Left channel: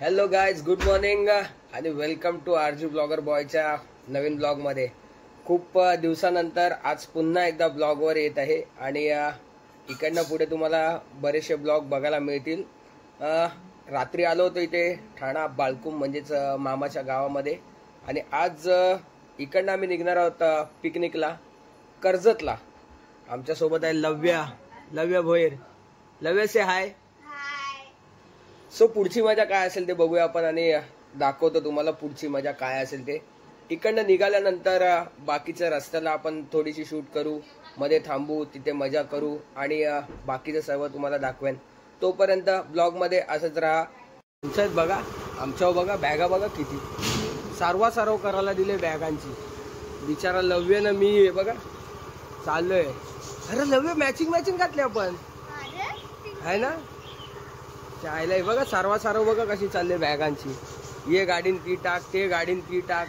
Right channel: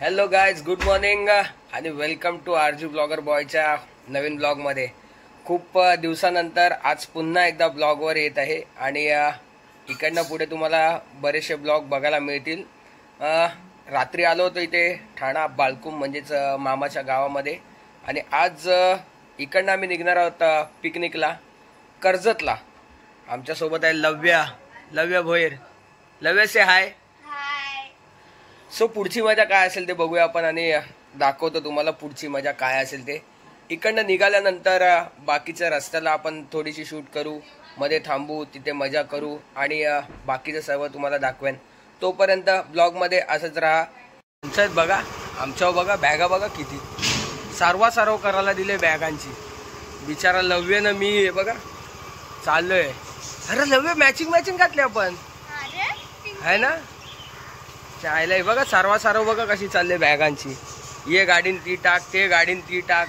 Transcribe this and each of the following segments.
Hello guys, good morning आणि welcome to RG blogger बॉयच्या नवीन ब्लॉगमध्ये. खूप दिवसानंतर आज पुन्हा एकदा ब्लॉगवर येत आहे आणि इकडनं पुढे तुम्हाला बरेचसे ब्लॉग बघायला मिळतील. रात्री आलो होतो इथे ठाणा बाळकुम म्हणजेच मामाच्या गावामध्ये आणि आज इकडनं आम्ही निघणार आहोत पिकनिकला कर्जतला. आमच्यासोबत आहे लव्या भोयर. लव्या से हाय. सो पुढची मजा काय असेल ते बघूया आपण आणि दाखवतो तुम्हाला पुढची मजा काय असेल ते. इकडनं निघाल्यानंतर बाकीच्या रस्त्याला आपण थोडीशी शूट करू, मध्ये थांबू, तिथे मजा करू आणि बाकीचं सर्व तुम्हाला दाखवेन. तोपर्यंत ब्लॉगमध्ये असंच राहा. तुमच्यात बघा, आमच्यावर बघा, बॅगा बघा किती सारवा करायला दिले बॅगांची. बिचारा लव्यनं मी बघा चाललोय. अरे लव्य मॅचिंग घातली आपण आहे ना. चायला बघा सारवा बघा कशी चालले बॅगांची. ये गाडीन ती टाक, ते गाडीन ती टाक.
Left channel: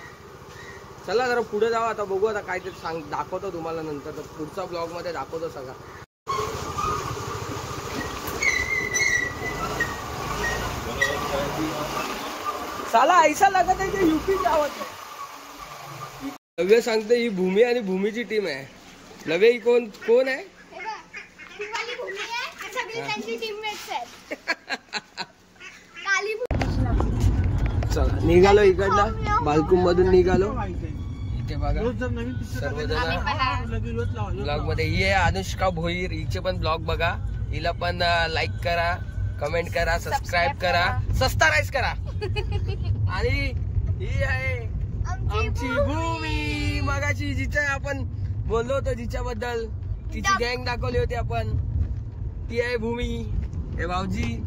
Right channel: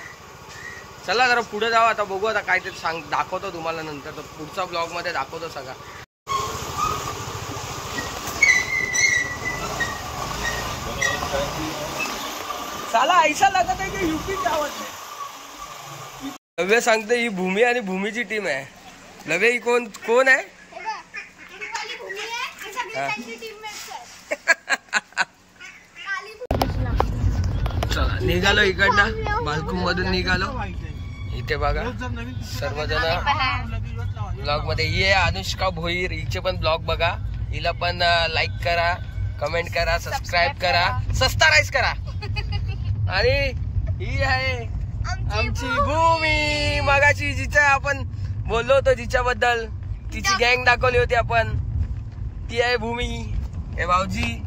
चला जरा पुढे जाऊ आता, बघू आता काय ते दाखवतो तुम्हाला नंतर. तर पुढचा ब्लॉग मध्ये दाखवतो सगळा. साला ऐसा लागत आहे की यूपी जावत. लव्य सांगते ही भूमी आणि भूमीची टीम आहे. लव्य ही कोण आहे? चला निघालो इकडनं, बाळकुम मधून निघालो. इथे बघा सर्वजण ब्लॉग मध्ये. ये अनुष्का भोईर, हिचे पण ब्लॉग बघा. हिला पण लाईक करा, कमेंट करा, सबस्क्राईब करा, सबस्क्राईब करा. आणि ही आहे आमची भूमी. मगाची जिच्या आपण बोललो होतो जिच्याबद्दल, तिची गँग दाखवली होती आपण, ती आहे भूमी. हे भाऊजी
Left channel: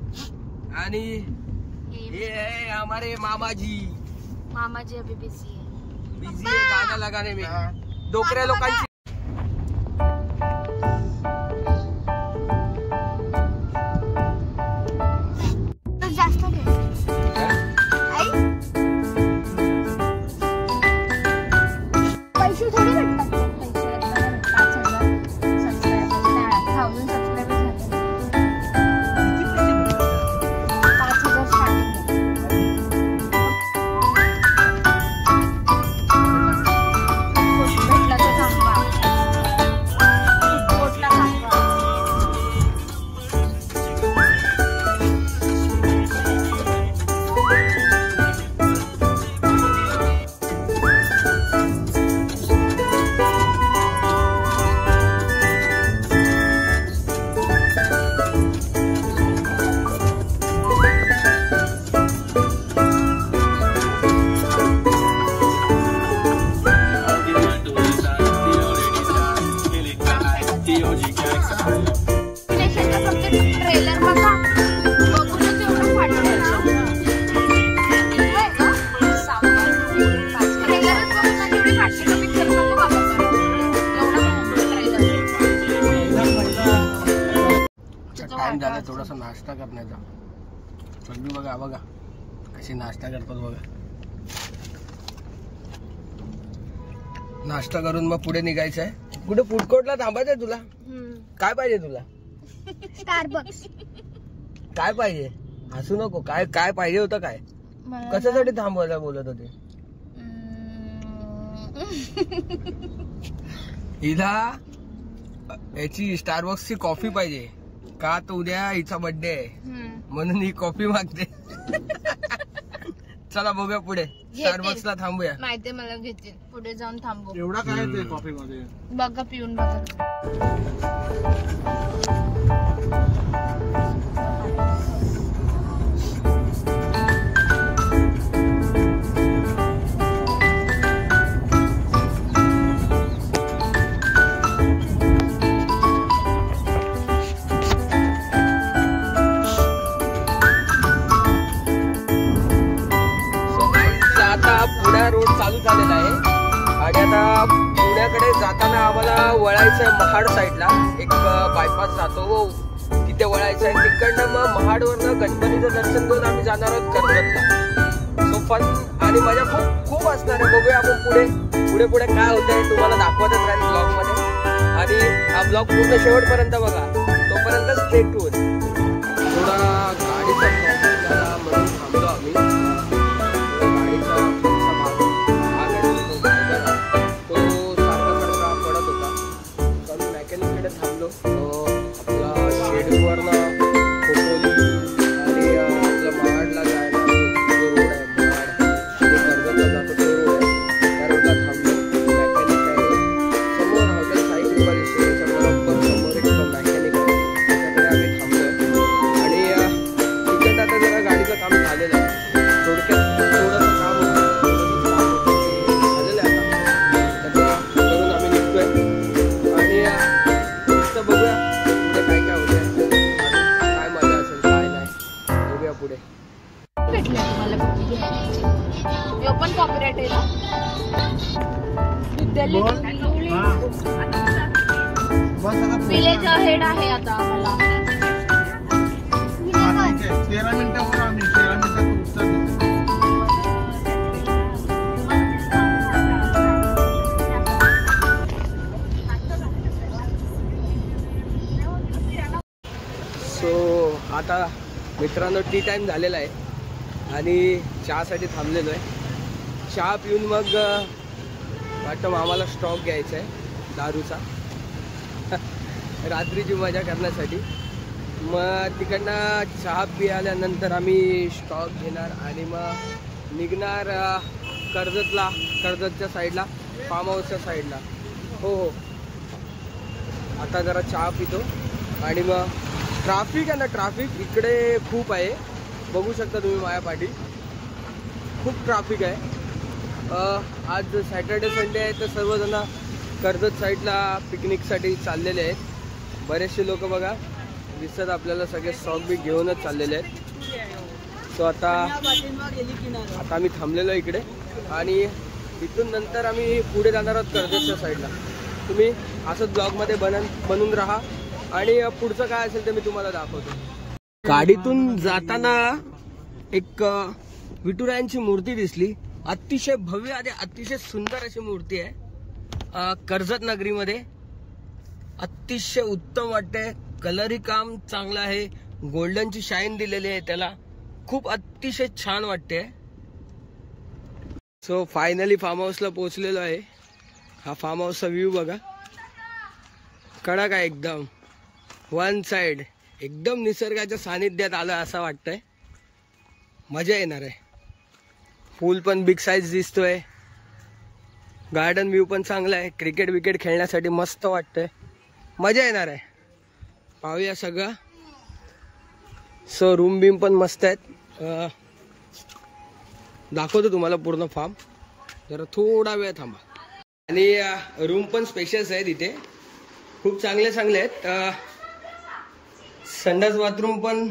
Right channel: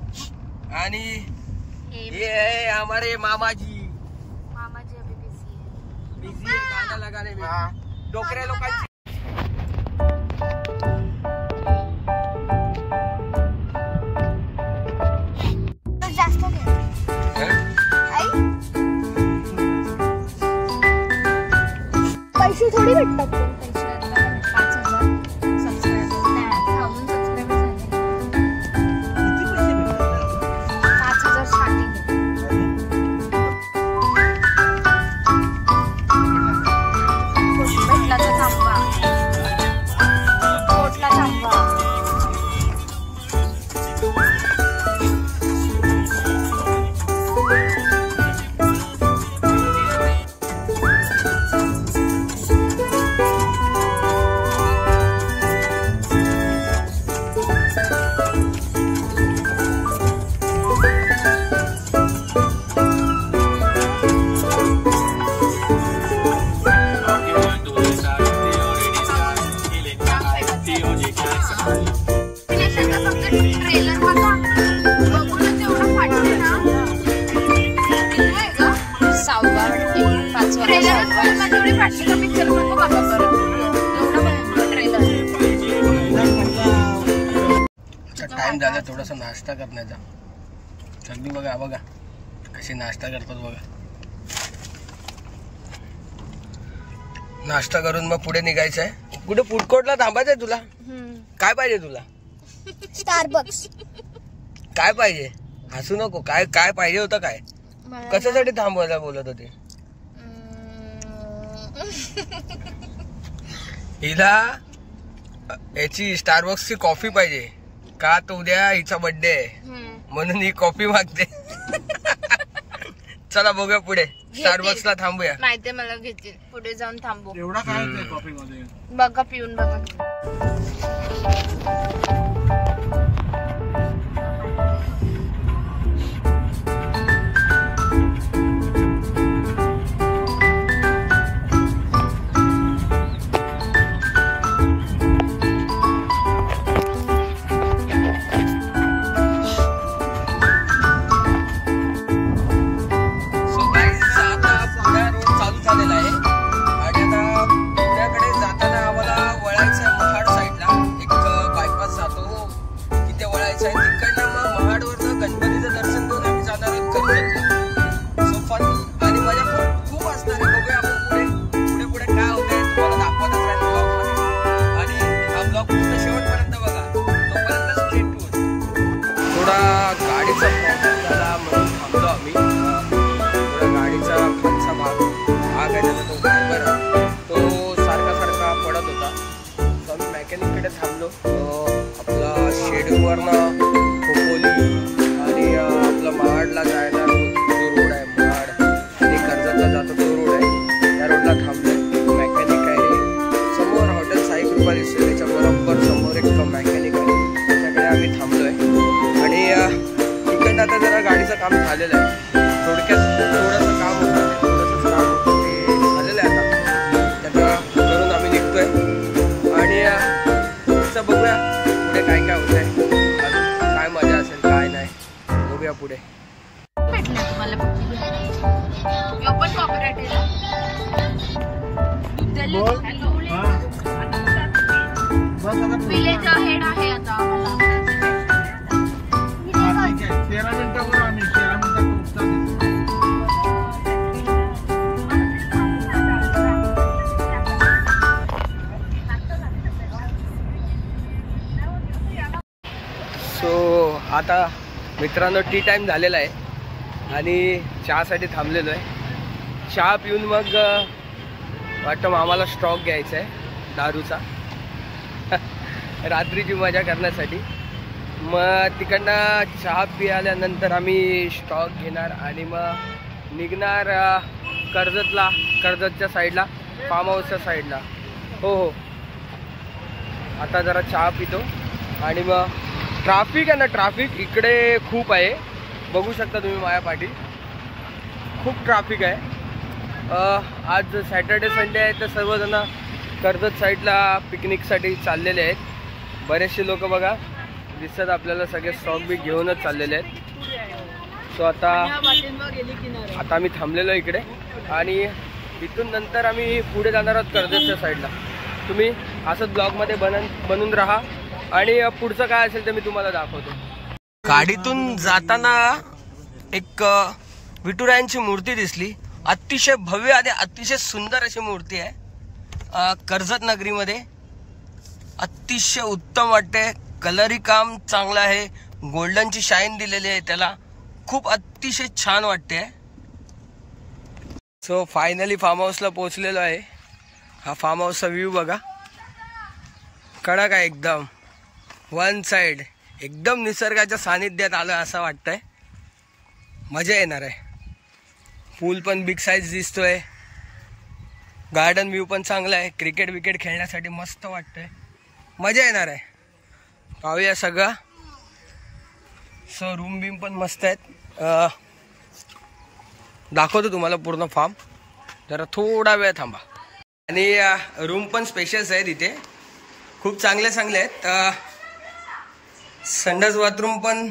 आणि ये है हमारे मामाजी अभी बिजी है गाना लगाने में. डोकऱ्या लोकांची टाइम झाला थोडासा नाश्ता करण्याचा. सगळी बघा कशी नाश्ता करतात बघा. नाश्ता करून मग पुढे निघायचं आहे. कुठे फूड कोर्टला थांबायचंय तुला? काय पाहिजे तुला? स्टारबक्स. काय पाहिजे? हसू नको. काय पाहिजे होतं? काय कशासाठी थांबवायला बोलत होते? हिला याची स्टारबक्सची कॉफी पाहिजे का, तर उद्या हिचा बर्थडे आहे म्हणून ही कॉफी मागते. चला बघूया पुढे स्टारबक्सला थांबूया. माहितीये मला घेतील, पुढे जाऊन थांबू. एवढा काय कॉफी मध्ये बघा, पिऊन बघा. महाड साईडला एक बायपास जातो, तिथे वळायचं आहे. तिकडनं मग महाडवरनं गणपतीचं दर्शन करून आम्ही जाणार आहोत कर्जतला. सो फन आणि मजा खूप असणार आहे. बघूया आपण पुढे काय होतंय तुम्हाला दाखवतच राहील ब्लॉगमध्ये. आणि हा ब्लॉग पूर्ण शेवटपर्यंत बघा, तोपर्यंत स्टे ट्यून. थोडा गाडीचा प्रॉब्लेम झाला म्हणून थांबलो आम्ही थोडा गाडीचा खालचा भाग आहे त्याचा तो फायबर तो सारखा पडत होता. तर आम्ही मेकॅनिककडे थांबलो. आपला शेडूवरनं खोपोली आणि आपला महाडला जायला जो रोड आहे महाड आणि कर्जतला जातो तो रोड आहे त्या रोडला थांबलो. मेकॅनिक आहे समोर हॉटेल साई कृपा दिसते त्याच्या बरोबर समोर एक मेकॅनिक आहे त्याच्याकडे आम्ही थांबलोय. आणि तिकडे आता जरा गाडीचं काम झालेलं आहे. थोडक्यात थोडंसं काम होतं थोडंसंच काम होतं ते झालेलं आहे आता त्याचं करून आम्ही निघतोय. आणि पुढचं बघूया पुढे काय काय होत आहे काय मजा असेल काय नाही बघूया पुढे. भेटले तुम्हाला पण कॉपीराइट आहे विलेज हेड आहे आता. सो आता मित्रांनो टी टाइम झालेला आहे आणि चहासाठी थांबलेलो आहे. चहा पिऊन मग वाटतं आम्हाला स्टॉक घ्यायचा आहे दारूचा रात्रीची मजा करण्यासाठी. मग तिकडनं चहा पिल्यानंतर आम्ही स्टॉक घेणार आणि मग निघणार कर्जतच्या साईडला फार्म हाऊसच्या साईडला. हो आता जरा चहा पितो आणि मग ट्रॅफिक आहे ना ट्रॅफिक इकडे खूप आहे बघू शकता तुम्ही माझ्या पाठी खूप ट्रॅफिक आहे. आज सॅटर्डे संडे आहे तर सर्वजण कर्जत साईडला पिकनिकसाठी चाललेले आहेत. बरेचसे लोक बघा दिसतात आपल्याला सगळे स्टॉक बी घेऊनच चाललेले आहेत. सो आता आम्ही थांबलेलो इकडे आणि इथून नंतर आम्ही पुढे जाणार आहोत कर्जतच्या साईडला. तुम्ही असंच ब्लॉगमध्ये बनून राहा आणि पुढचं काय असेल ते मी तुम्हाला दाखवतो. गाडीतून जाताना एक विठुरायांची मूर्ती दिसली. अतिशय भव्य आणि अतिशय सुंदर अशी मूर्ती आहे कर्जत नगरीमध्ये. अतिशय उत्तम वाटते. कलरही काम चांगलं आहे. गोल्डनची शाईन दिलेली आहे त्याला. खूप अतिशय छान वाटते. सो फायनली फार्म हाऊसला पोहोचलेलो आहे. हा फार्म हाऊसचा व्ह्यू बघा कडक आहे एकदम. वन साइड एकदम निसर्गाच्या सानिध्यात आलं असं वाटतंय. मजा येणार आहे. पूल पण बिग साईज दिसतोय. गार्डन व्ह्यू पण चांगला आहे. क्रिकेट विकेट खेळण्यासाठी मस्त वाटतंय. मजा येणार आहे. पाहूया सगळं. सो रूम बीम पण मस्त आहेत. दाखवतो तुम्हाला पूर्ण फार्म. जरा थोडा वेळ थांबा. आणि रूम पण स्पेशियस आहेत इथे खूप चांगले आहेत. संडास बाथरूम पण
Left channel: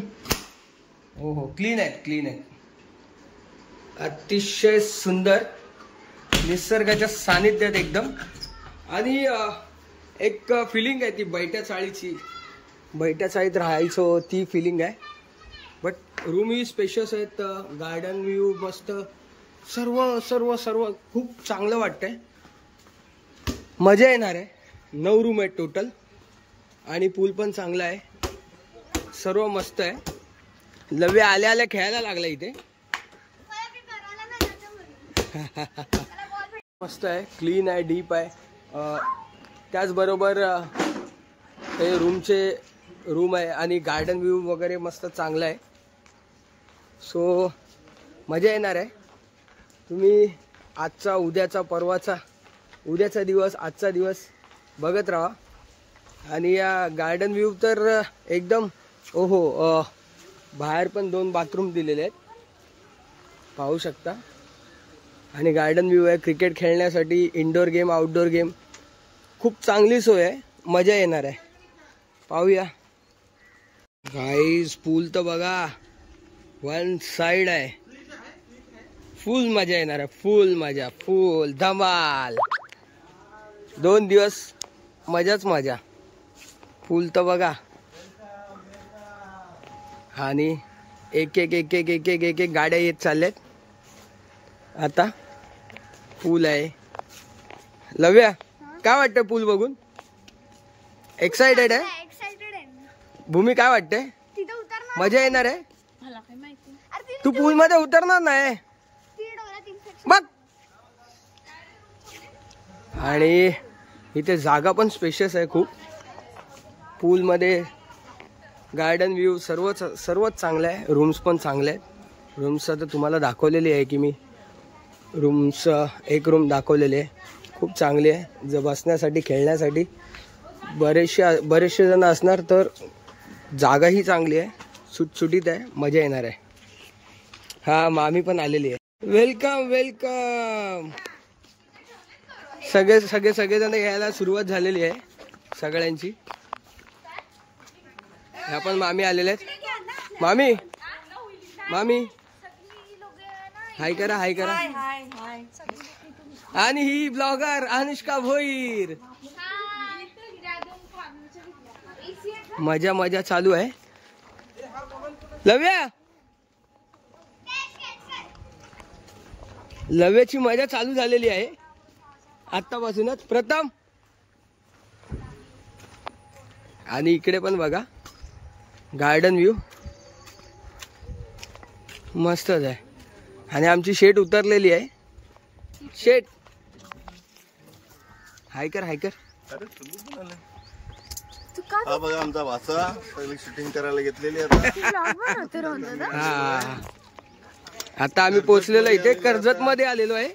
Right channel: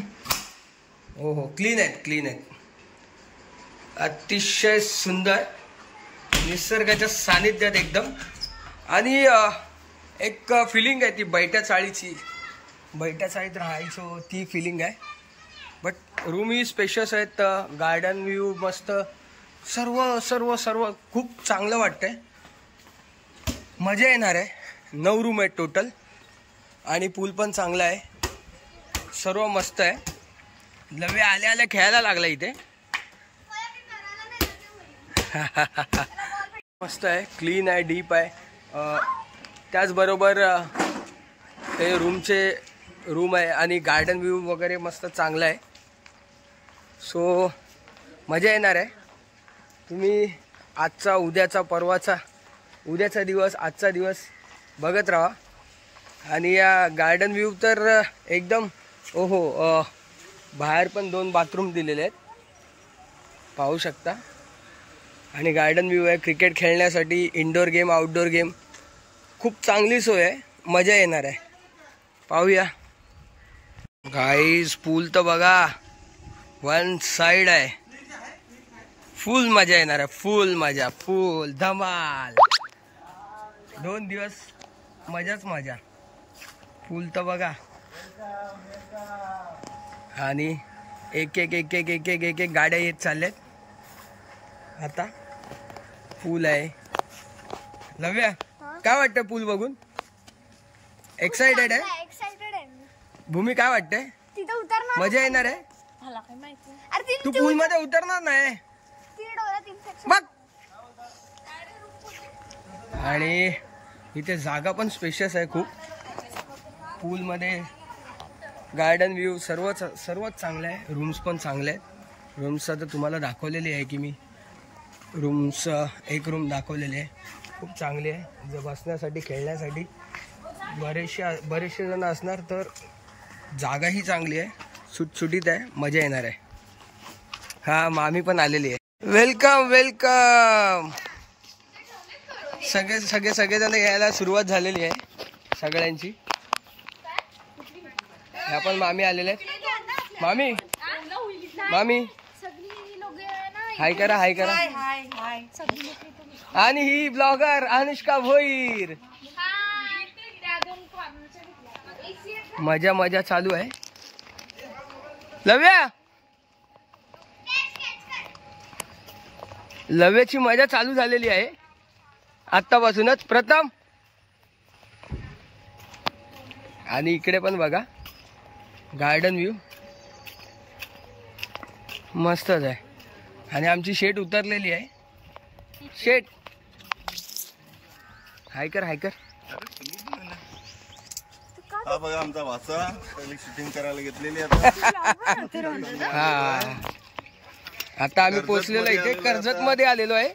हो क्लीन आहेत. अतिशय सुंदर निसर्गाच्या सानिध्यात एकदम. आणि एक फिलिंग आहे ती बैठ्या चाळीत राहायचो ती फिलिंग आहे. बट रूम ही स्पेशियस आहेत. गार्डन व्ह्यू मस्त सर्व खूप चांगलं वाटतंय. मजा येणार आहे. 9 रूम आहेत टोटल आणि पूल पण चांगला आहे. सर्व मस्त आहे. लव्य आल्या खेळायला लागला इथे. मस्त आहे. क्लीन आहे. डीप आहे. त्याचबरोबर ते रूम आहे आणि गार्डन व्ह्यू वगैरे मस्त चांगला आहे. सो मजा येणार आहे. तुम्ही आजचा उद्याचा दिवस आजचा दिवस बघत राहा. आणि या गार्डन व्ह्यू तर एकदम बाहेर पण 2 बाथरूम दिलेले आहेत पाहू शकता. आणि गार्डन व्ह्यू आहे. क्रिकेट खेळण्यासाठी इंडोर गेम आउटडोर गेम खूप चांगली सोय आहे. मजा येणार आहे. पाहूया गाईज. पूल तर बघा वन साइड आहे. फुल मजा येणार आहे. फुल धमाल. 2 दिवस मजाच मजा. पूल तर बघा. आणि एक गाड्या येत चालल्यात. आता पूल आहे. लव्या काय वाटतंय पूल बघून? एक्साइटेड आहे. भूमी काय वाटतंय? मजा येणार आहे. मला काय माहिती. तू पूल मध्ये उतरणार नाही बघ. आणि इथे जागा पण स्पेशियस आहे खूप. पूल मध्ये गार्डन व्ह्यू सर्वच चांगलं आहे. रूम्स पण चांगले आहेत. रूम्स तर तुम्हाला दाखवलेली आहे की मी रूम्स एक रूम दाखवलेली आहे. खूप चांगली आहे. जर बसण्यासाठी खेळण्यासाठी बरेचसे जण असणार तर जागाही चांगली आहे. सुटसुटीत आहे. मजा येणार आहे. हा मामी पण आलेली आहे. Welcome welcome. सगळेजण यायला सुरुवात झालेली आहे सगळ्यांची. ह्या पण मामी आलेले आहेत. मामी हाय करा हाय करा. आणि ही ब्लॉगर अनुष्का भोईर. मजा चालू आहे. लव्याची मजा चालू झालेली आहे आत्तापासूनच. प्रथम आणि इकडे पण बघा गार्डन व्ह्यू मस्तच आहे. आणि आमची शेट उतरलेली आहे. शेट हायकर हा बघा आमचा वासा सगळी शूटिंग करायला घेतलेली आता. हा आता आम्ही पोहोचलेलो इथे कर्जत मध्ये आलेलो आहे.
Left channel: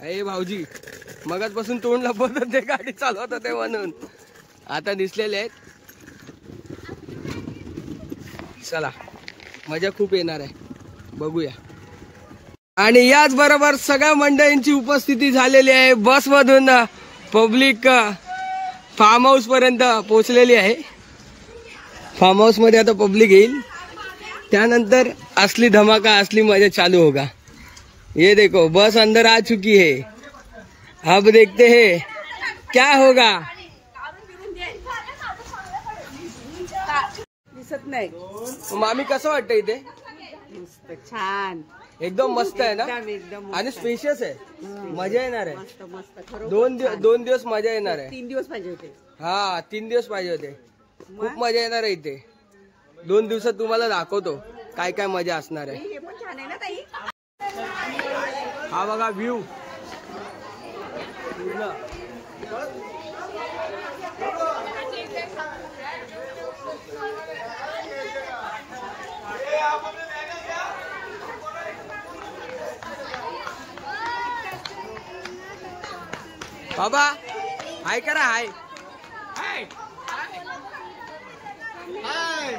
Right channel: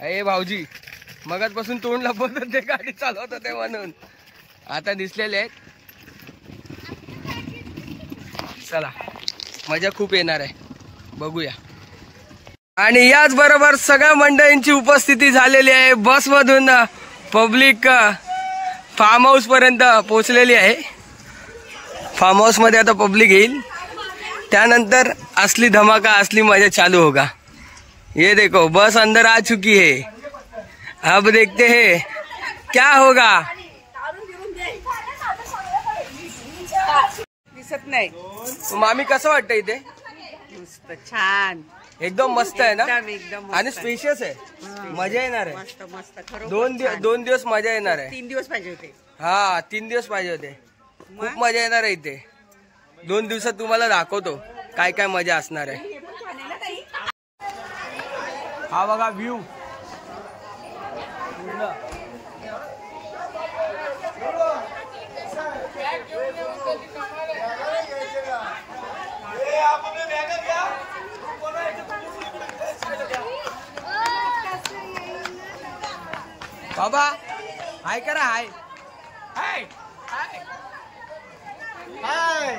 अरे भाऊजी मगाचपासून तोंड लपवत होते गाडी चालवत होते म्हणून आता दिसलेले आहेत. चला मजा खूप येणार आहे. बघूया. आणि याच बरोबर सगळ्या मंडळींची उपस्थिती झालेली आहे. बसमधून पब्लिक फार्म हाऊस पर्यंत पोहोचलेली आहे. फार्म हाऊस मध्ये आता पब्लिक येईल. त्यानंतर असली धमाका असली मजा चालू होगा. ये देखो बस अंदर आ चुकी है. अब देखते हैं क्या होगा. दिसत नाही. मामी कसं वाटतं इथे. मस्त छान एकदम मस्त आहे ना. एकदम आणि स्पेशियस आहे. मजा येणार आहे. मस्त मस्त खरं. 2 दिवस मजा येणार आहे. 3 दिवस पाहिजे होते. हा 3 दिवस पाहिजे होते. खूप मजा येणार आहे इथे. 2 दिवसात तुम्हाला दाखवतो काय काय मजा असणार आहे. हा बघा व्ह्यू पूर्ण. बाबा हाय करा. हाय हाय हाय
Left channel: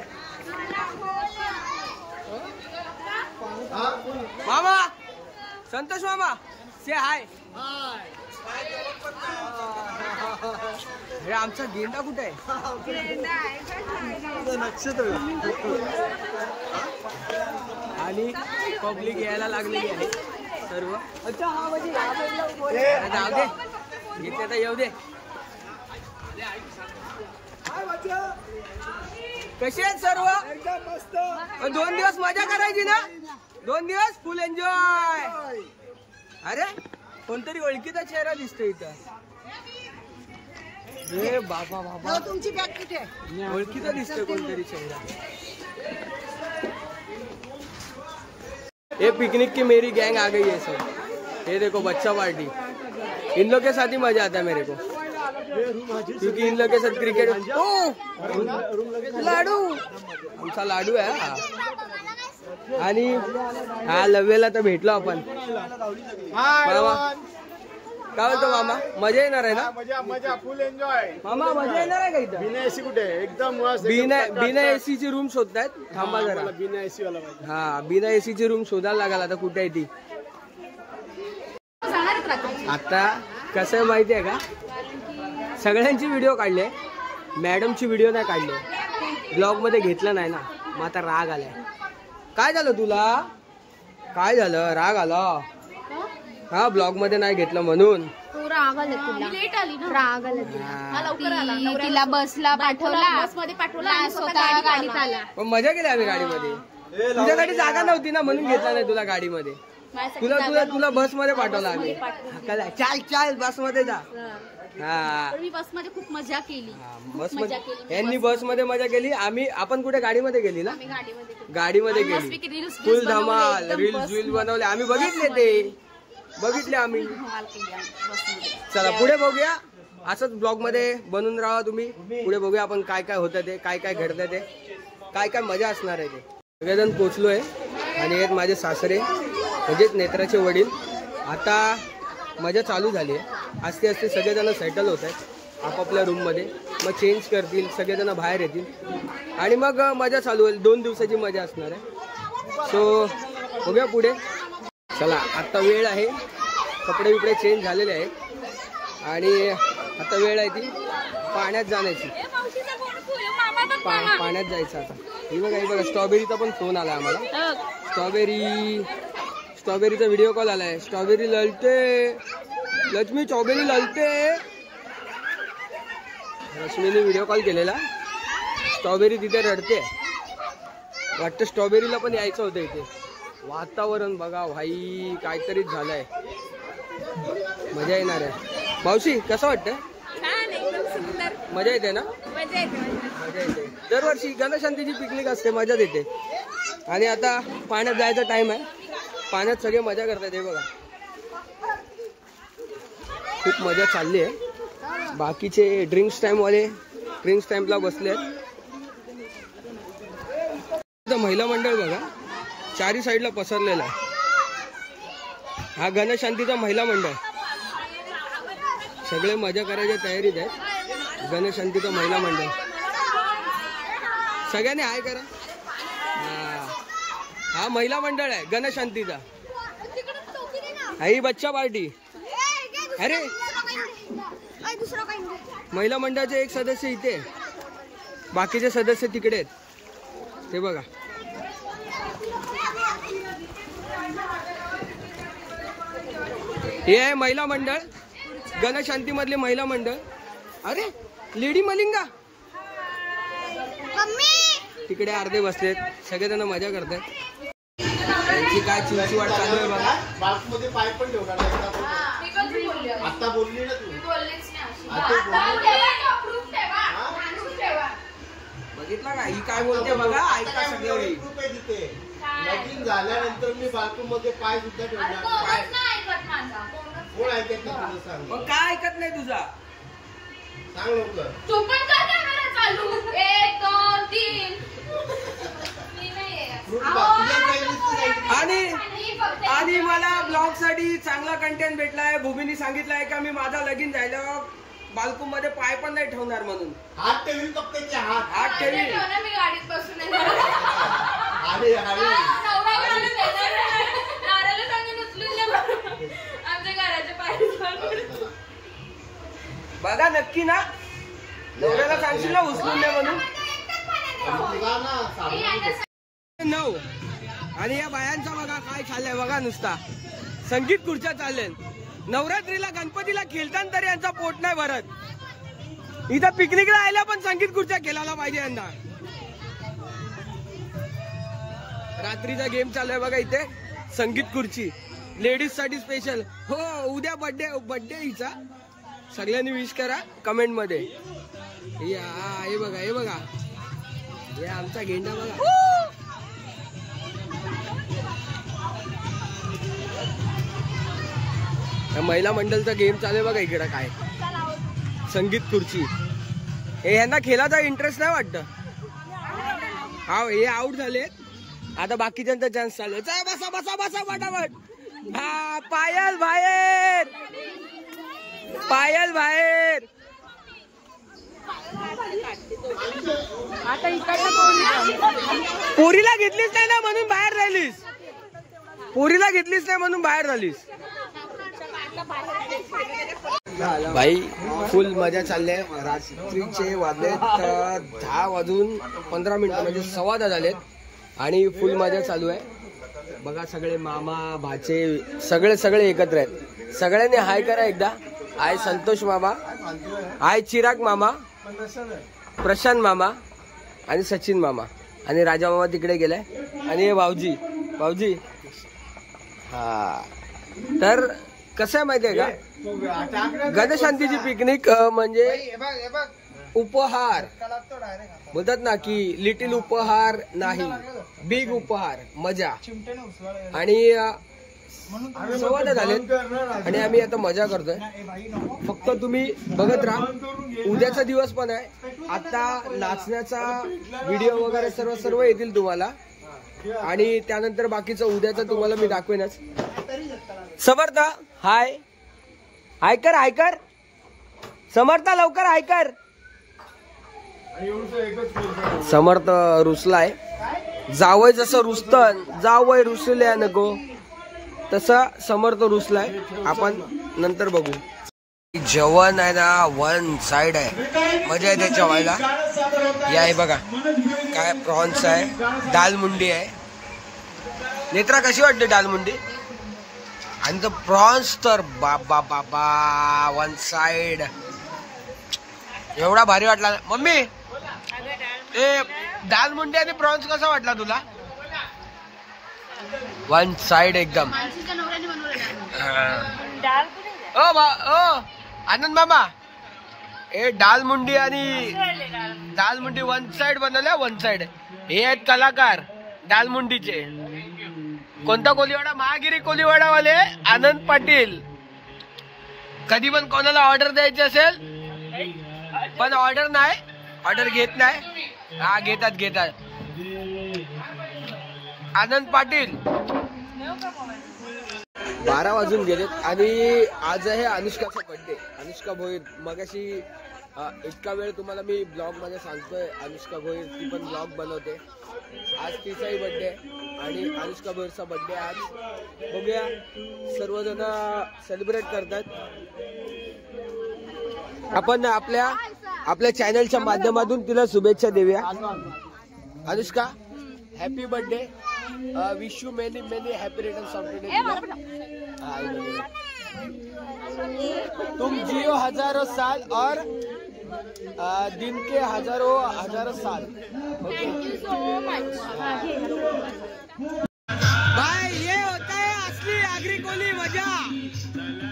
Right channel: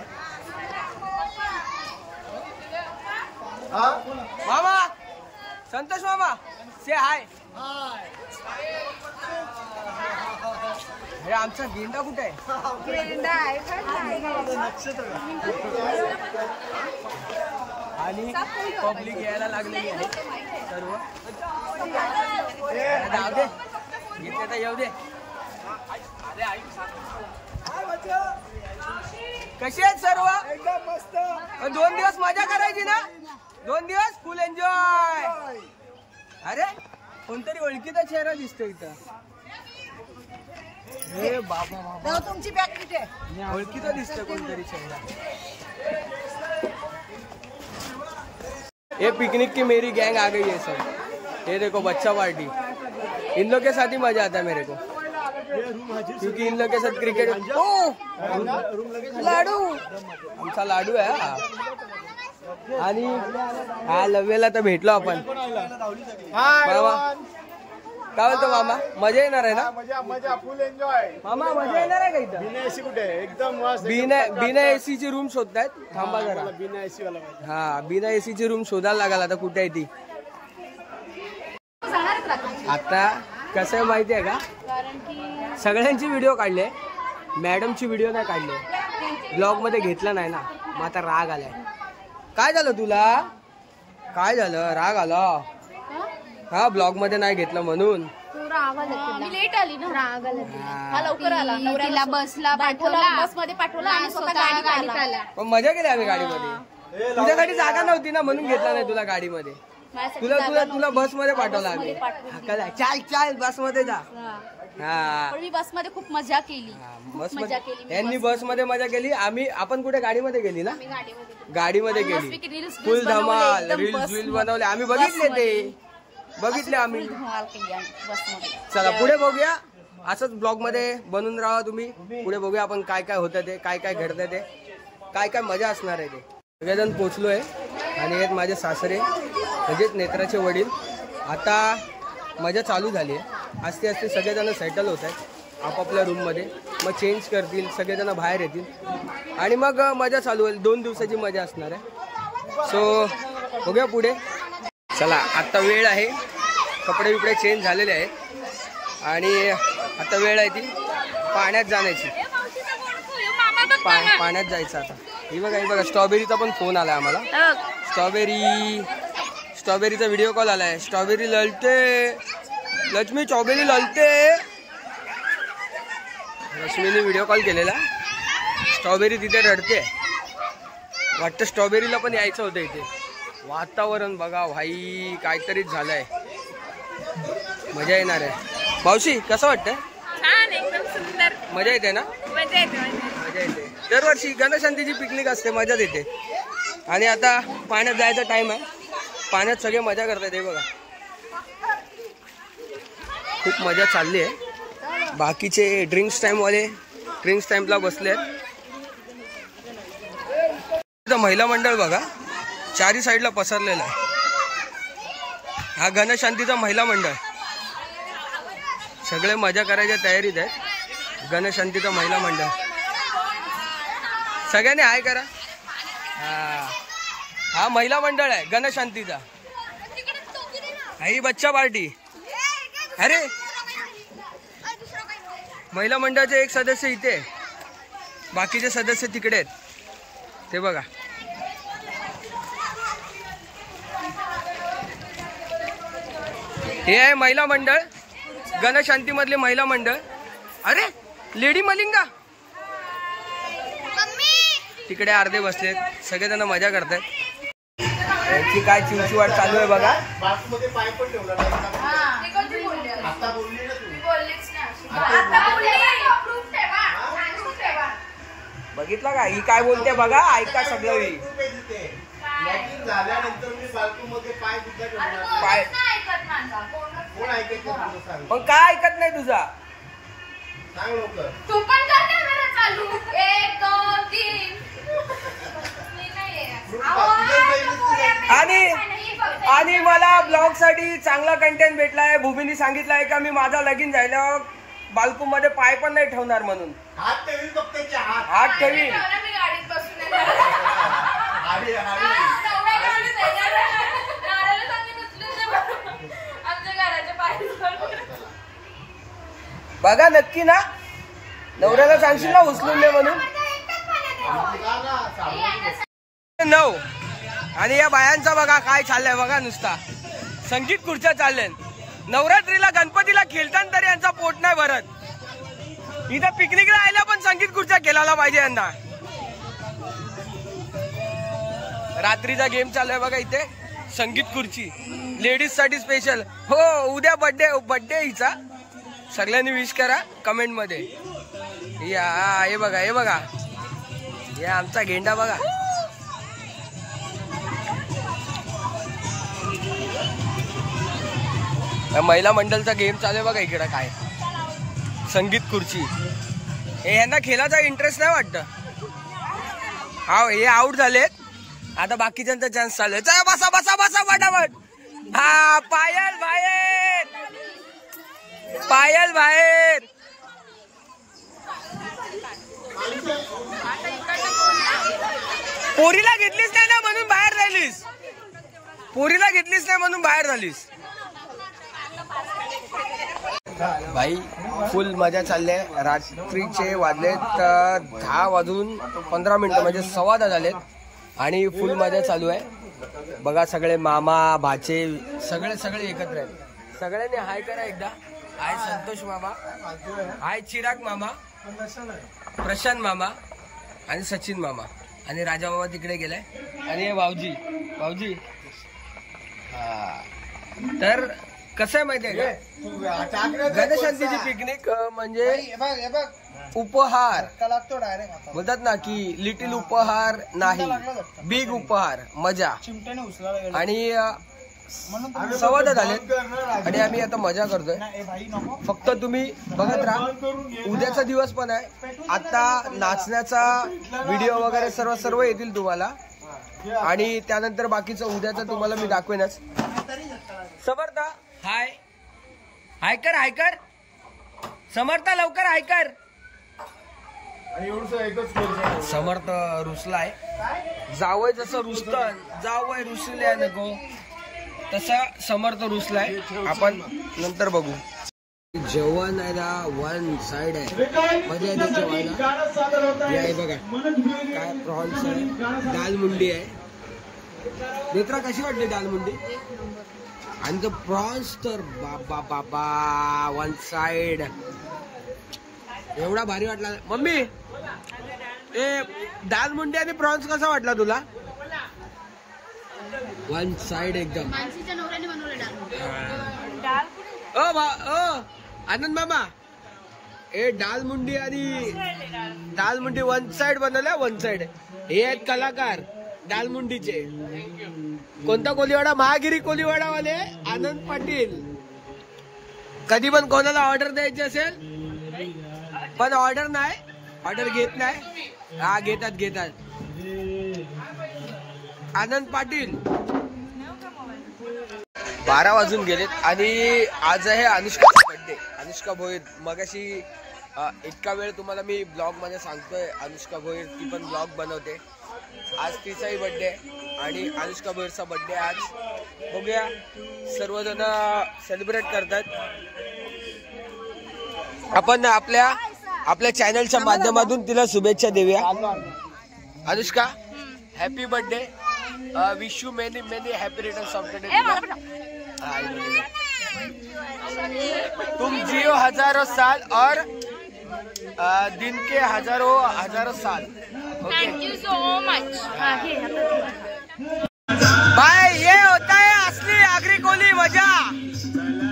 मामा संतोष मामा से हाय. अरे आमचा गेंडा कुठे आहे. आणि पब्लिक यायला लागलेली आहे सर्व. जाऊ दे येते तर येऊ दे. कशी आहेत सर्व. एकदम मस्त. 2 दिवस मजा करायची ना. 2 दिवस फुल एन्जॉय. अरे कोणतरी ओळखीचा चेहरा दिसतो इथं. हे बाबा तुमची बॅग कुठे आहे. ओळखीचा दिसतोय कोणतरी चेहरा. ये पिकनिक की मेरी गैंग आ गई है सब. ये देखो बच्चा पार्टी. इन लोग के साथ ही मजा आता है मेरे को क्योंकि इन लोग के साथ क्रिकेट. ओ लाडू आमचा लाडू आहे हा. आणि हा लव्यला तर भेटलो आपण. मामा काय बोलतो मामा. मजा येणार आहे ना. मजा फुल एन्जॉय. मामा मजा येणार आहे का इथं. बिना एसी कुठे एकदम बिना एसी ची रूम शोधतायत. थांबा जरा. बिना एसी वाला पाहिजे. हा बिना एसी ची रूम शोधायला लागला. आता कुठे आहे ती. आता कसं आहे माहिती आहे का. सगळ्यांची व्हिडिओ काढले. मॅडमची व्हिडिओ नाही काढले. ब्लॉग मध्ये घेतलं नाही ना. मग आता राग आलाय. काय झालं तुला. काय झालं राग आला. हा ब्लॉग मध्ये नाही घेतलं म्हणून. लेट आली ना. राग आला. लवकर आला. तिला बसला पाठवला. बस मध्ये पाठवला. स्वतः गाडीत आला. पण मजा केली आम्ही गाडीमध्ये. तुझ्यासाठी जागा नव्हती ना म्हणून घेतला नाही तुला गाडीमध्ये. तुला बस मध्ये पाठवला आम्ही. चाल बस मध्ये जा. हा मी बस मध्ये खूप मजा केली. बस मजा केली मी यांनी बस मध्ये मजा केली. आपण कुठे गाडीमध्ये गेली ना? मी गाडीमध्ये गाडीमध्ये आणि गेली. मस्तपैकी रील्स फुल बनवले, धमाल एकदम रील्स बस बनवले आम्ही. बघितले ते बघितले आम्ही. धमाल केली आम्ही बसमध्ये. चला पुढे बघूया. असंच ब्लॉग मध्ये बनून राहा तुम्ही. पुढे बघूया आपण काय काय होतं ते, काय काय घडतं ते, काय काय मजा असणार आहे ते. सगळेजण पोचलोय आणि हे माझे सासरे म्हणजेच नेत्राचे वडील. आता मजा चालू झाली आहे. आस्ते आस्ते सगळेजण सेटल होत आहेत आपापल्या रूममध्ये. मग चेंज करतील, सगळेजण बाहेर येतील आणि मग मजा चालू होईल. 2 दिवसाची मजा असणार आहे. सो बघूया पुढे. चला आता वेळ आहे, कपडे बिपडे चेंज झालेले आहेत आणि आता वेळ आहे ती पाण्यात जाण्याची. पाण्यात जायचं आता. ही बघा स्ट्रॉबेरीचा पण फोन आला आम्हाला. स्ट्रॉबेरीचा व्हिडिओ कॉल आलाय. स्ट्रॉबेरी ललते लक्ष्मी, स्ट्रॉबेरी ललते. लक्ष्मीने व्हिडिओ कॉल केलेला. स्ट्रॉबेरी तिथे रडते. वाटतं स्ट्रॉबेरीला पण यायचं होतं इथे. वातावरण बघा भाई, काहीतरीच झालंय. मजा येणार आहे. मावशी कसं वाटतंय? छान, एकदम सुंदर. मजा येते ना? मजा येते. मजा येते. दरवर्षी गणशांतीची पिकनिक असते, मजा येते. आणि आता पाण्यात जायचा टाइम आहे. पाण्यात सगळे मजा करतात. हे बघा खूप मजा चालली आहे. बाकीचे ड्रिंक्स टाइमवाले ड्रिंक्स टाइमला बसले आहेत. महिला मंडळ बघा चारी साईडला पसरलेला आहे. हा गणशांतीचा महिला मंडळ. सगळे मजा करायच्या तयारीत आहेत. गणशांतीचा महिला मंडळ. सगळ्यांनी हाय करा. हा महिला मंडळ आहे गणशांतीचा. ही बच्चा पार्टी. अरे महिला मंडळाचे एक सदस्य इथे, बाकीचे सदस्य तिकडे आहेत. ते बघा हे आहे महिला मंडळ, गणशांती मधले महिला मंडळ. अरे लेडी मलिंगा तिकडे अर्धे बसलेत. सगळेजण मजा करतायत. त्यांची काय चिवचिवाट चालू आहे बघा. बघितलं का ही काय बोलते बघा. ऐका सगळं. झाल्यानंतर मी बाल्कनीमध्ये पाय सुद्धा ठेवणार. पाय कोण ऐकत नाही? पण काय ऐकत नाही तुझा? सांग लवकर. तू पण कर कॅमेरा चालू. 1 2 3. आणि मला ब्लॉग साठी चांगला कंटेंट भेटलाय. भूमीने सांगितलंय का मी माझा लगीन झाल्यावर बाल्कून मध्ये पाय पण नाही ठेवणार म्हणून. हात ठेवील फक्त. हात ठेवी. मी गाडीत बसून आमच्या घराच्या पायरी बघा नक्की ना. नवऱ्याला सांगशील ना उचलून दे म्हणून. 9 आणि या बायांचा बघा काय चाललंय बघा. नुसता संगीत खुर्च्या चालल्या. नवरात्रीला गणपतीला खेळताना तरी यांचा पोट नाही भरत. इथं पिकनिकला आयला पण संगीत खुर्च्या खेळायला पाहिजे यंदा. रात्रीचा गेम चालू आहे बघा इथे. संगीत खुर्ची लेडीज साठी स्पेशल. हो उद्या बर्थडे हिचा. सगळ्यांनी विश करा कमेंट मध्ये. हे बघा हे आमचा गेंडा बघा. महिला मंडळचा गेम चालू आहे बघा इकडे. काय संगीत खुर्ची. हे यांना खेळाचा इंटरेस्ट नाही वाटतं. हा हे आउट झालेत. आता बाकीच्यांचा चान्स चालू आहे. चला बसा बसा बसा फटाफट. हा पायल बाहेर. पायल बाहेर. पोरीला घेतलीच नाही ना म्हणून बाहेर राहिलीस. पोरीला घेतलीच नाही म्हणून बाहेर झालीस. भाई फुल मजा चालली आहे. रात्रीचे वाजलेत 10 वाजून 15 मिनिटं म्हणजे 10:15 झालेत आणि फुल मजा चालू आहे बघा. सगळे मामा भाचे सगळे एकत्र आहेत. सगळ्यांनी हाय करा एकदा. हाय संतोष मामा, हाय चिराग मामा, प्रशांत मामा आणि सचिन मामा आणि राजा मामा तिकडे गेलाय आणि हे भाऊजी. हा तर कसं आहे माहितीये का, गणेशांतीची पिकनिक म्हणजे उपहार बोलतात ना की लिटिल उपहार नाही, बिग उपहार, मजा. आणि संवाद झालेत आणि आम्ही आता मजा करतोय. फक्त तुम्ही बघत राहा. उद्याचा दिवस पण आहे. आता नाचण्याचा व्हिडिओ वगैरे सर्व येतील तुम्हाला आणि त्यानंतर बाकीचं उद्याचं तुम्हाला मी दाखवेनच. समर्थ हाय हाय कर समर्थ लवकर हाय कर. समर्थ रुसलाय. जावय जसं रुसतं, जावय रुसल्या नको तसा समर्थ रुसलाय. आपण नंतर बघू. जेवण आहे ना वन साइड आहे, मजा आहे त्याच्या व्हायला. या आहे बघा काय प्रॉन्स आहे, दाल मुंडी आहे. नेत्रा कशी वाटते दाल मुंडी? आणि तो प्रॉन्स तर बाबा बाबा वन साइड एवढा भारी वाटला. मम्मी ते दाल मुंडी आणि प्रॉन्स कसा वाटला तुला? वन साइड एकदम. ओ आनंद मामा, ए दाल मुंडी आणि दाल मुंडी वन साइड बनवल्या. वन साइड हे आहेत कलाकार दाल मुंडीचे. कोणता कोलीवाडा? महागिरी कोलीवाडावाले आनंद पाटील. कधी पण कोणाला ऑर्डर द्यायची असेल पण ऑर्डर नाही, ऑर्डर घेत नाही. हा घेतात आनंद पाटील. 12 वाजून गेलेत आणि आज आहे अनुष्काचा बर्थडे. अनुष्का भोईर. मगाशी इतका वेळ तुम्हाला मी ब्लॉग मध्ये सांगतोय अनुष्का भोईर ती पण ब्लॉग बनवते. आज तिचाही बर्थडे आणि अनुष्का भोईरचा बर्थडे आज. बघूया सर्वजण सेलिब्रेट करतात. आपण आपल्या चॅनलच्या माध्यमातून तिला शुभेच्छा देऊया. Anushka happy birthday. Wish you many many happy returns of the day. तुम जियो हजारों साल और दिन के हजारों साल. Thank you so much. भाई ये होता है असली आगरी कोली मजा.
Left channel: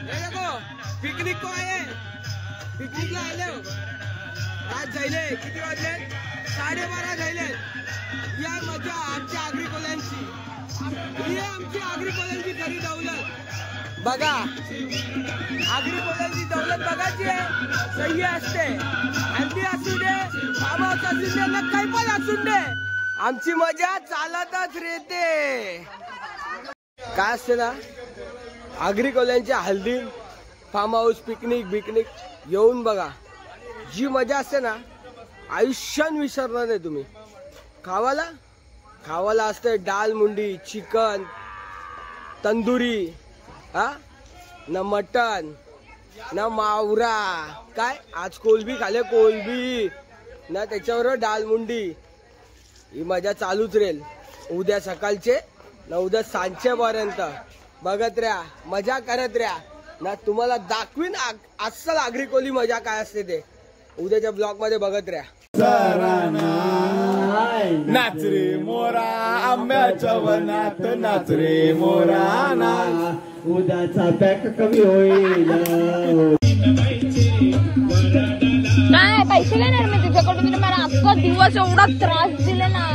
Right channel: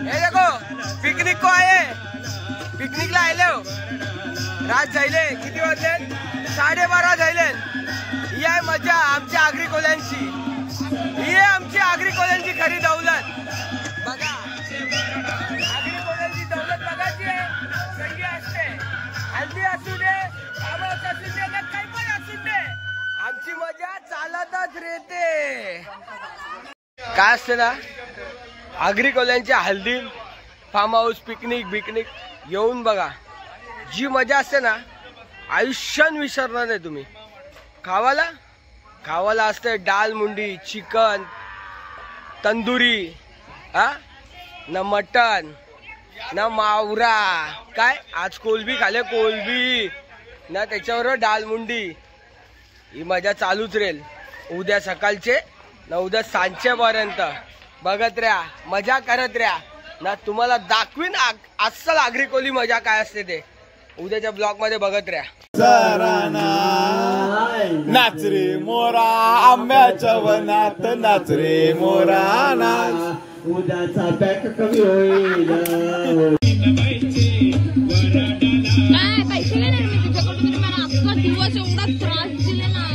हे देखो पिकनिक को आए, पिकनिकला आले हो. रात झाले किती वाजले? 12:30 झाले. ही आहे मजा आमच्या आगरी कोल्यांची. ही आहे आमची आगरी कोल्यांची खरी दौलत. बघा आगरी कोल्यांची दौलत बघायची आहे. सही असते, हल्दी असू दे, फार्म हाऊस असू दे, नक्कल पण असू दे, आमची मजा चालतच राहते. काय असते ना आगरी कोल्यांच्या हल्दी, फार्म हाऊस, पिकनिक येऊन बघा. जी मजा असते ना आयुष्यात विसरणार नाही तुम्ही. खावाला असते दाल मुंडी, चिकन, तंदुरी, ना मटन ना मावरा. काय आज कोलबी खाले, कोलबी ना त्याच्यावर दाल मुंडी. ही मजा चालूच राहील उद्या सकाळचे ना उद्या सांजचे पर्यंत. बघत राहा, मजा करत राहा ना. तुम्हाला दाखवीन अस्सल आगरी कोली मजा काय असते ते उद्याच्या ब्लॉग मध्ये बघत राहा. नाच रे मोरा आंब्याच्या वनात, नाच रे मोरा नाच. उद्याचा पॅक कमी होईल. काय पैसे घेणार मी तुझ्याकडून? मला अख्खा दिवस एवढा त्रास दिला ना.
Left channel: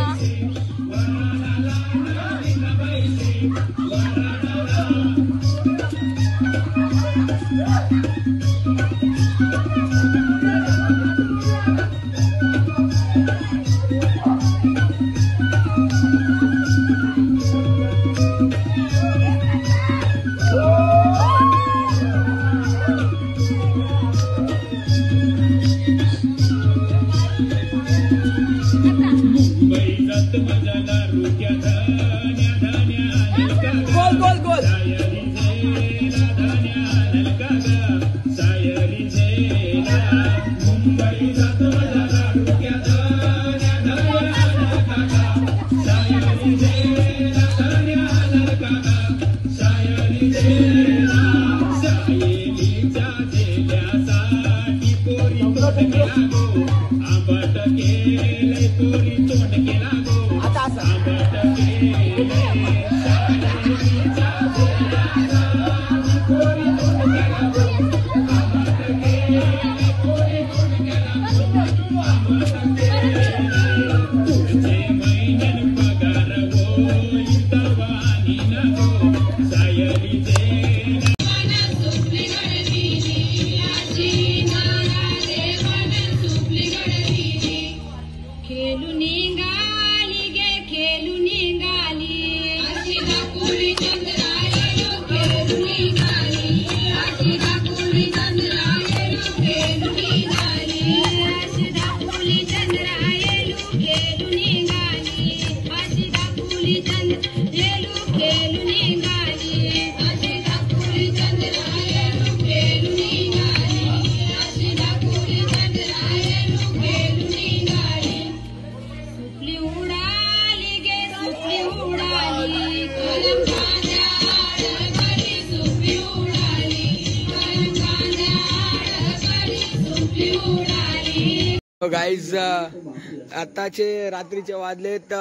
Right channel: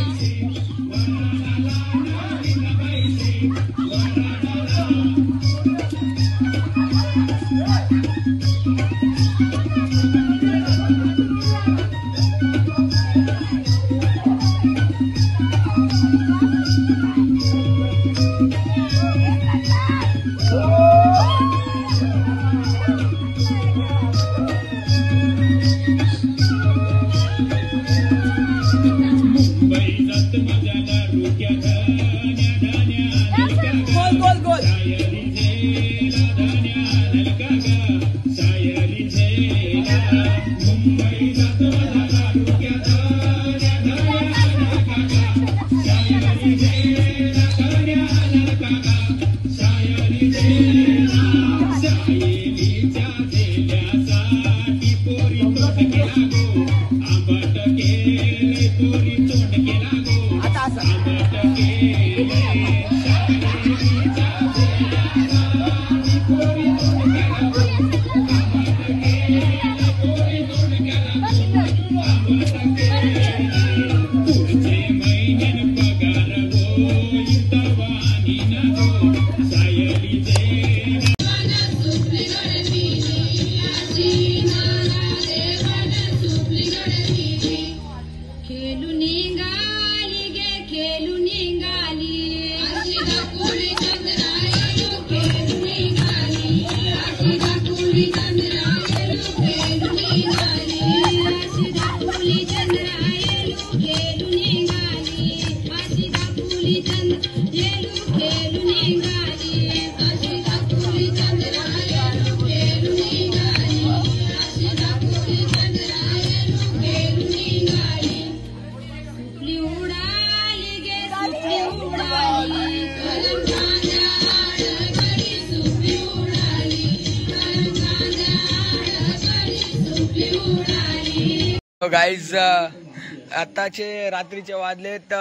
गाईज आताचे रात्रीचे वाजलेत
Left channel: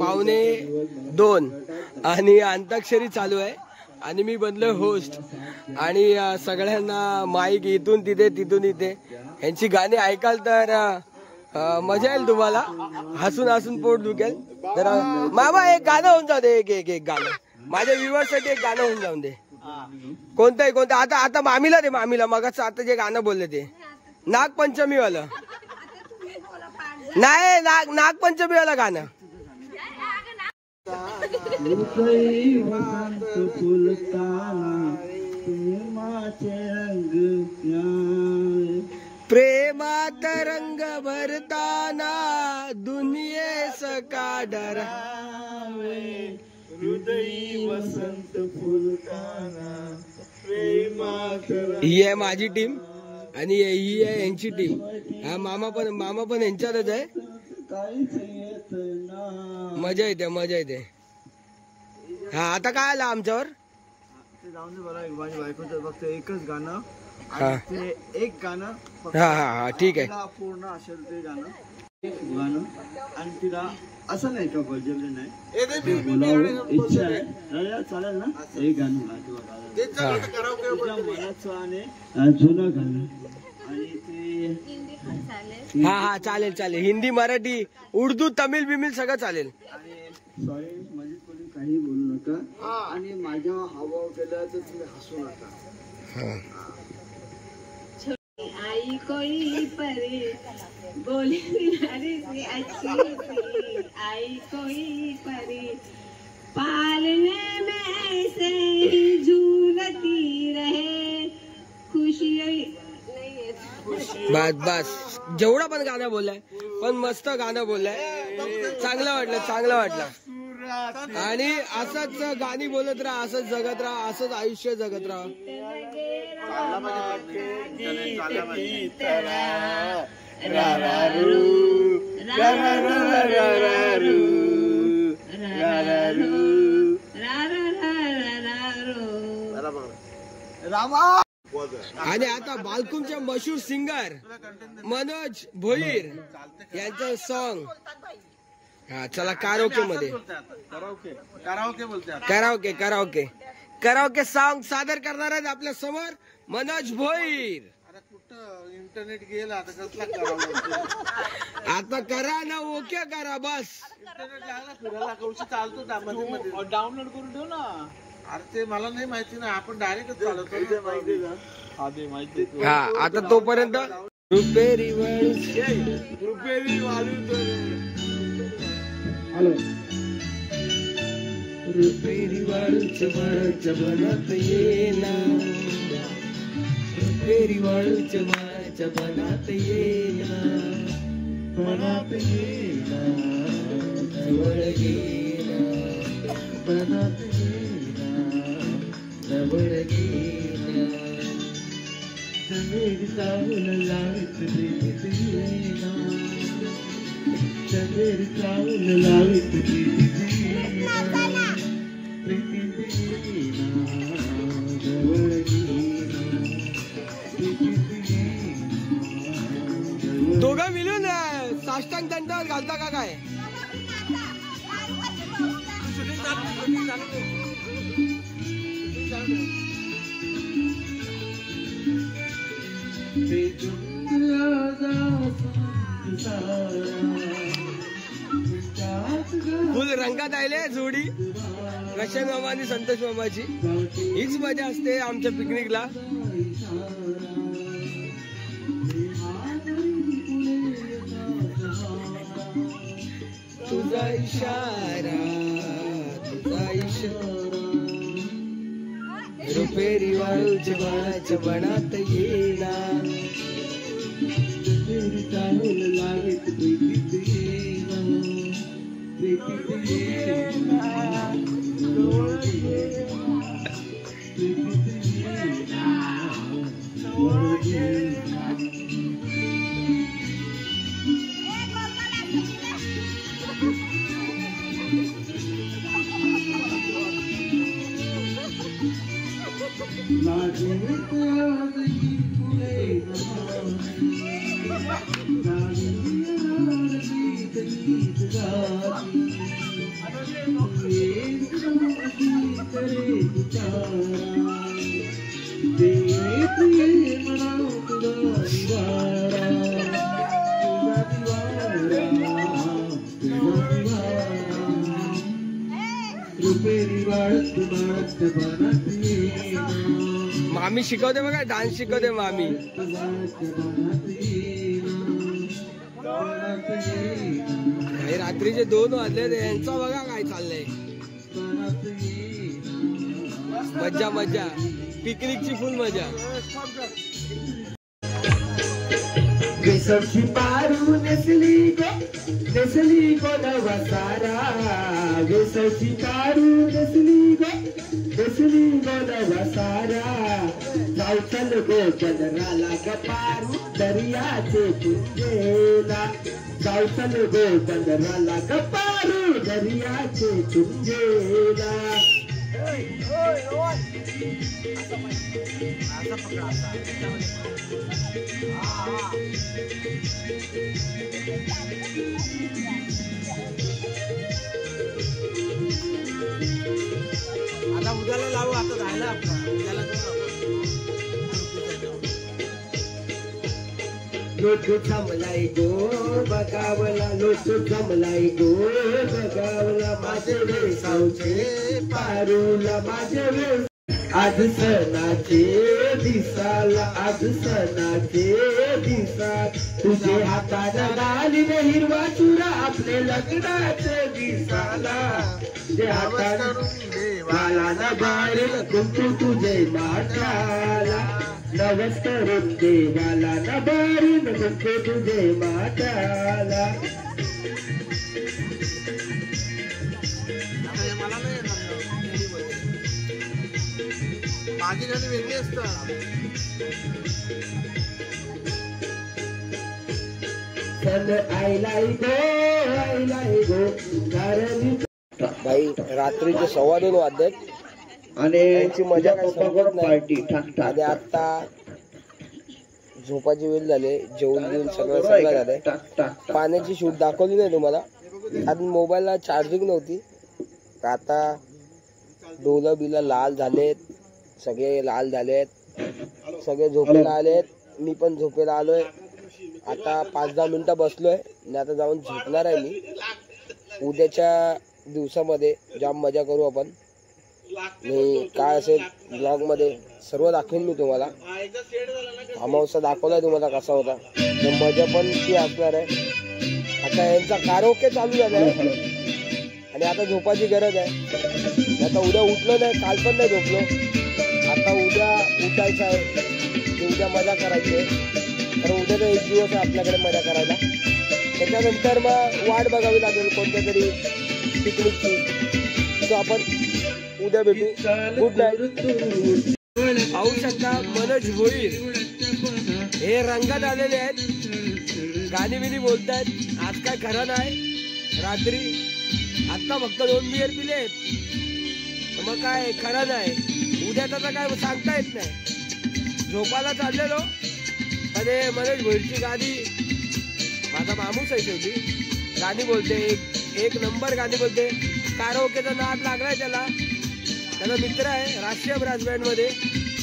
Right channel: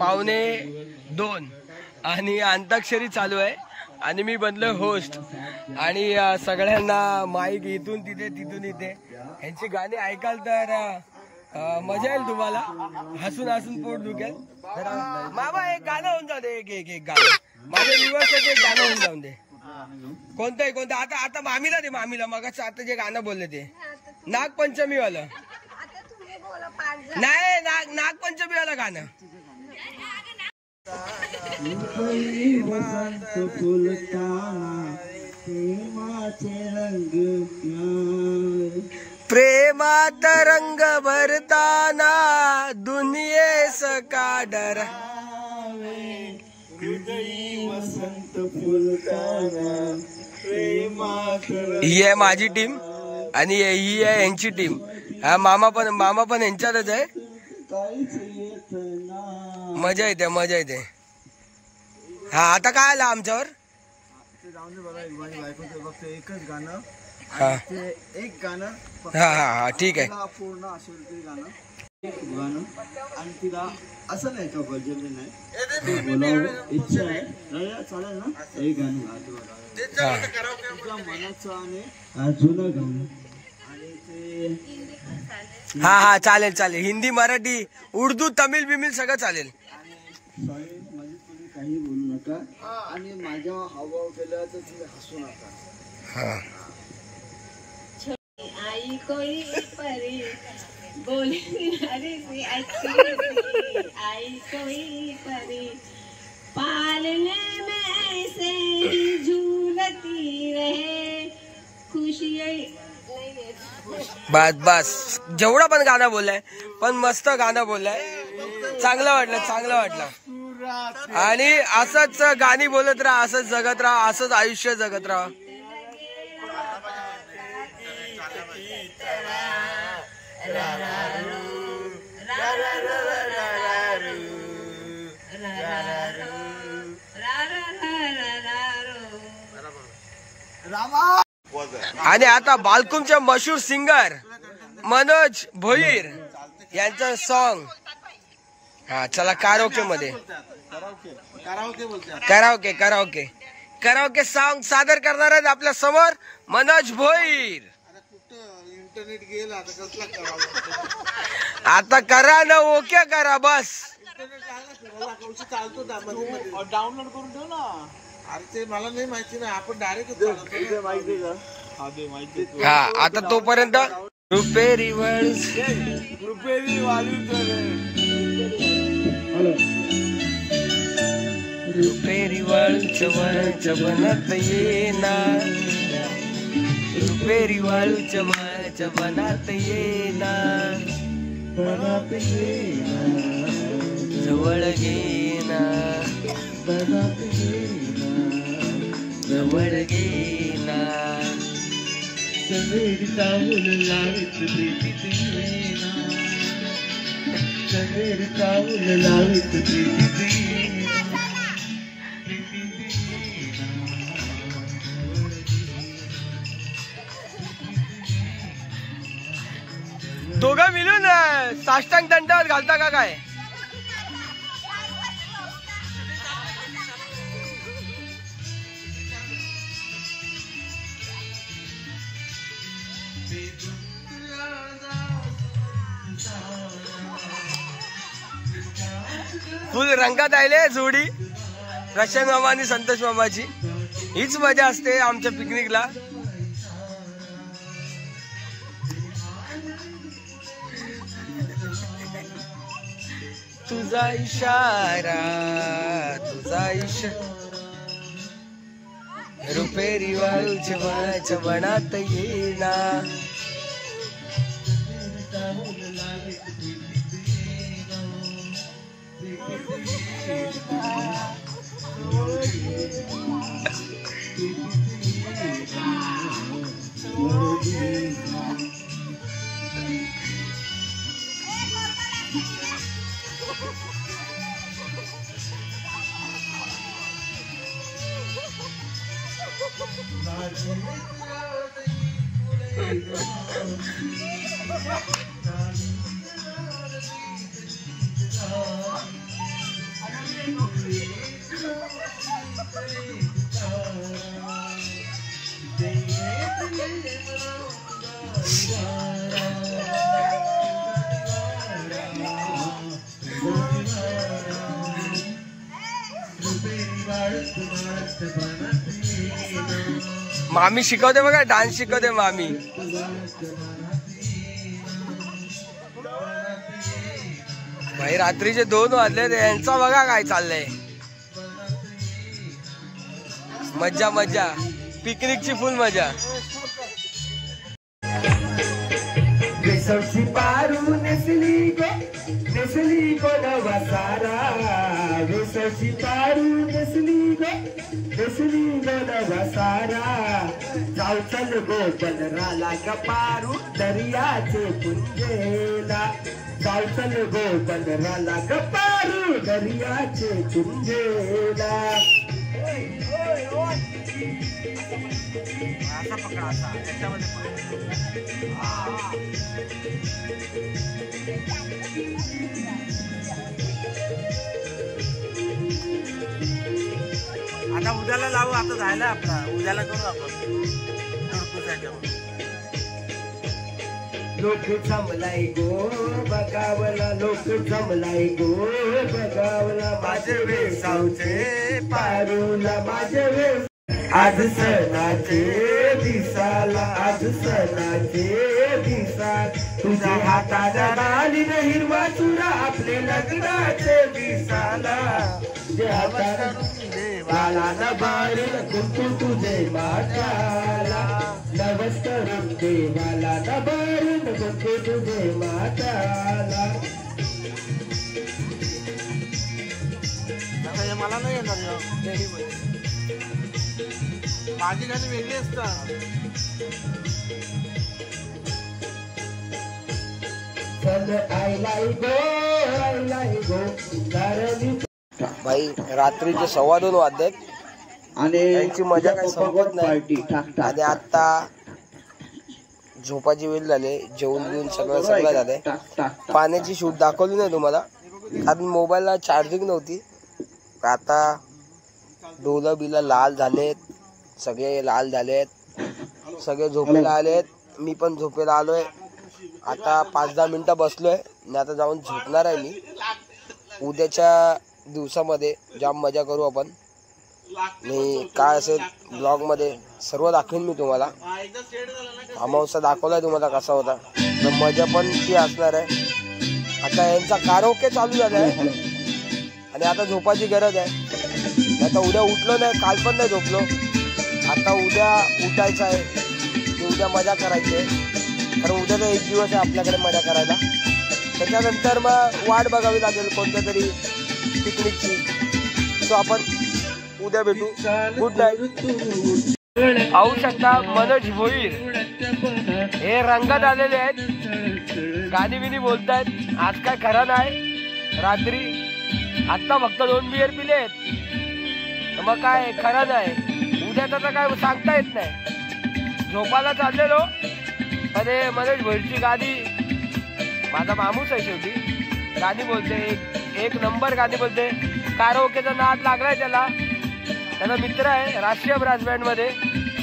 1:45 आणि अंताक्षरी चालू आहे आणि मी बनलोय होस्ट आणि सगळ्यांना माईक इथून तिथे तिथून इथे यांची गाणी ऐकाल तर मजा येईल तुम्हाला. हसून हसून पोट दुखेल. जरा मामा एक गाणं होऊन जाऊ दे. एक गाणं माझ्या व्ह्यूअर्ससाठी एक गाणं होऊन जाऊन दे. कोणतं आता मामीला दे. मामीला मगाचं आता जे गाणं बोलले ते नागपंचमी वालं नाही नागपंचमी वाला गाणं. वसंत फुलताना प्रेमात रंग भरताना दुनियेस का डर. वसंत फुलताना ही आहे माझी टीम आणि ही आहे यांची टीम. हा मामा पण यांच्यातच आहे. मजा येते. हा आता काय आलं आमच्यावर. जाऊन दे बघा माझ्या बायकोचं फक्त एकच गाणं. हा ते एक गाणं हा ठीक आहे. पूर्ण असेल ते गाणं आणि तिला असं नाही का बजवले नाही बोलावं इच्छा आहे चालेल ना. एक गाणं तुझ्या मनाचं आणि जुनं गाणं आणि ते हा चालेल. हिंदी मराठी उर्दू तमिळ बिमिळ सगळं चालेल. सॉरी म्हणजे तुम्ही काही बोलू नका आणि माझ्या हावभाव केलं तर तुम्ही हसू नका. आई कोई परी बोली सी अच्छी आई कोई परी पालने में ऐसे ही झूलती रहे खुशी. बस जेवढं पण गाणं बोललाय पण मस्त गाणं बोललाय. चांगलं वाटलं आणि असंच गाणी बोलत राहा, असंच जगत राहा, असंच आयुष्य जगत राहा. आणि आता बालकुमचे मशहूर सिंगर मनोज भोईर यांचं सॉन्ग. हा चला कराओके मध्ये कराओके सॉन्ग सादर करणार आहेत आपल्या समोर मनोज भोईर. इंटरनेट गेला आता करा ना ओके करा बस. चालतो डाउनलोड करून ठेव ना. अरे ते मला नाही माहिती ना. आपण डायरेक्ट हा आता तोपर्यंत रुपेरी वाळूच्या बनात येना रुपेरी वाळूच्या बनात येना जवळ घेना जवळ घेना दोघं मिळून साष्टांग दंडावर घालता का काय. फुल रंगात आले जोडी प्रशांत मामा आणि संतोष मामाची. हीच मजा असते आमच्या पिकनिकला. तुझा इशारा रुपेरी वाळूच्या बनात येना मामी शिकवते बघा, डान्स शिकवते मामी. भाई रात्रीचे 2 वाजले, यांचा बघा काय चाललंय. मज्जा मज्जा, पिकनिकची फुल मजा. वेसवची पारू नेसली गो नवा सारा. वेसवची पारू नेसली गो नवा सारा. चावचल गो बनराला गपारू दर्याचे पुंजेला. चावचल गो बनराला गपारू दर्याचे पुंजेला. असा पकडा, असा त्याच्यामध्ये आता उद्याला लावू. आता झालं आपला, उद्याला करू आपण. लोक जमलाय गो बगावला. लोक जमलाय गो बगावला. माझे वेसावचे पारूला. माझे वेस आज सणाचे दिसाला. आज सणाचे दिसा. तुझे हातात डाली न हिरवा चुरा. आपले लग्नाचे दिसाला. तुझे हातात देवाला न बारील कुंकू तुझे माताला. नवस करून देवाला न बारील कुंकू तुझे माताला. मला नाही येणार. माझी गाणी वेगळी असतात. भाई रात्रीचे 2:15 वाजलेत आणि त्यांची मजा काही संपत नाही. आणि आता झोपाची वेळ झाली. जेवण बिवून सगळं झालंय. पाण्याची शूट दाखवली नाही तुम्हाला, कारण मोबाईलला चार्जिंग नव्हती. आता डोलं बिलं लाल झालेत, सगळे लाल झालेत, सगळे झोपेला आलेत. मी पण झोपेला आलोय. आता 5-10 मिनिटं बसलोय आणि आता जाऊन झोपणार आहे मी. उद्याच्या दिवसामध्ये जाम मजा करू आपण. मी काय असेल ब्लॉगमध्ये सर्व दाखवेन मी तुम्हाला. अमावस्या दाखवलाय तुम्हाला कसा होता, तर मजा पण ती असणार आहे. आता यांचा कारोके चालू झालाय आणि आता झोपाची गरज आहे. आता उद्या उठलो नाही, काल पण नाही झोपलो. आता उद्या उठायचं आहे, उद्या मजा करायची आहे. कारण उद्या तर एक दिवस आहे आपल्याकडे मजा करायला. त्याच्यानंतर मग वाट बघावी लागेल कोणत्या तरी पिकनिकची. सो आपण उद्या भेटू. Good night. पाहू शकता मनोज भोईर हे रंगात आलेले आहेत, गाणी बिनी बोलतायत. आज काय खरं नाही. रात्री आत्ता फक्त 2 बियर पिले आहेत, मग काय खरं नाही. उद्या त्याचं काय सांगता येत नाही. झोपायला चाललेलो पण मनोज भोईरची गाणी, माझा मामूस आहे शेवटी, गाणी बोलते. एक नंबर गाणी बोलते. कारोकेचा नाद लागलाय त्याला. त्याचा मित्र आहे राष्ट्रीय ब्रास बँड मध्ये,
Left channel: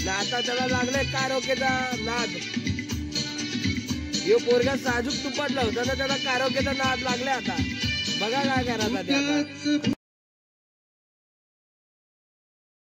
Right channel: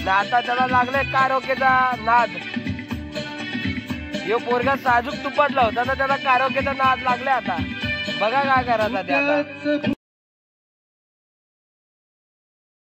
आता त्याला लागलाय कारोकेचा नाद. यो पोरगा साजूक तुपातला होता ना, त्याला कारोकेचा नाद लागलाय. आता बघा काय करायचा ते आता.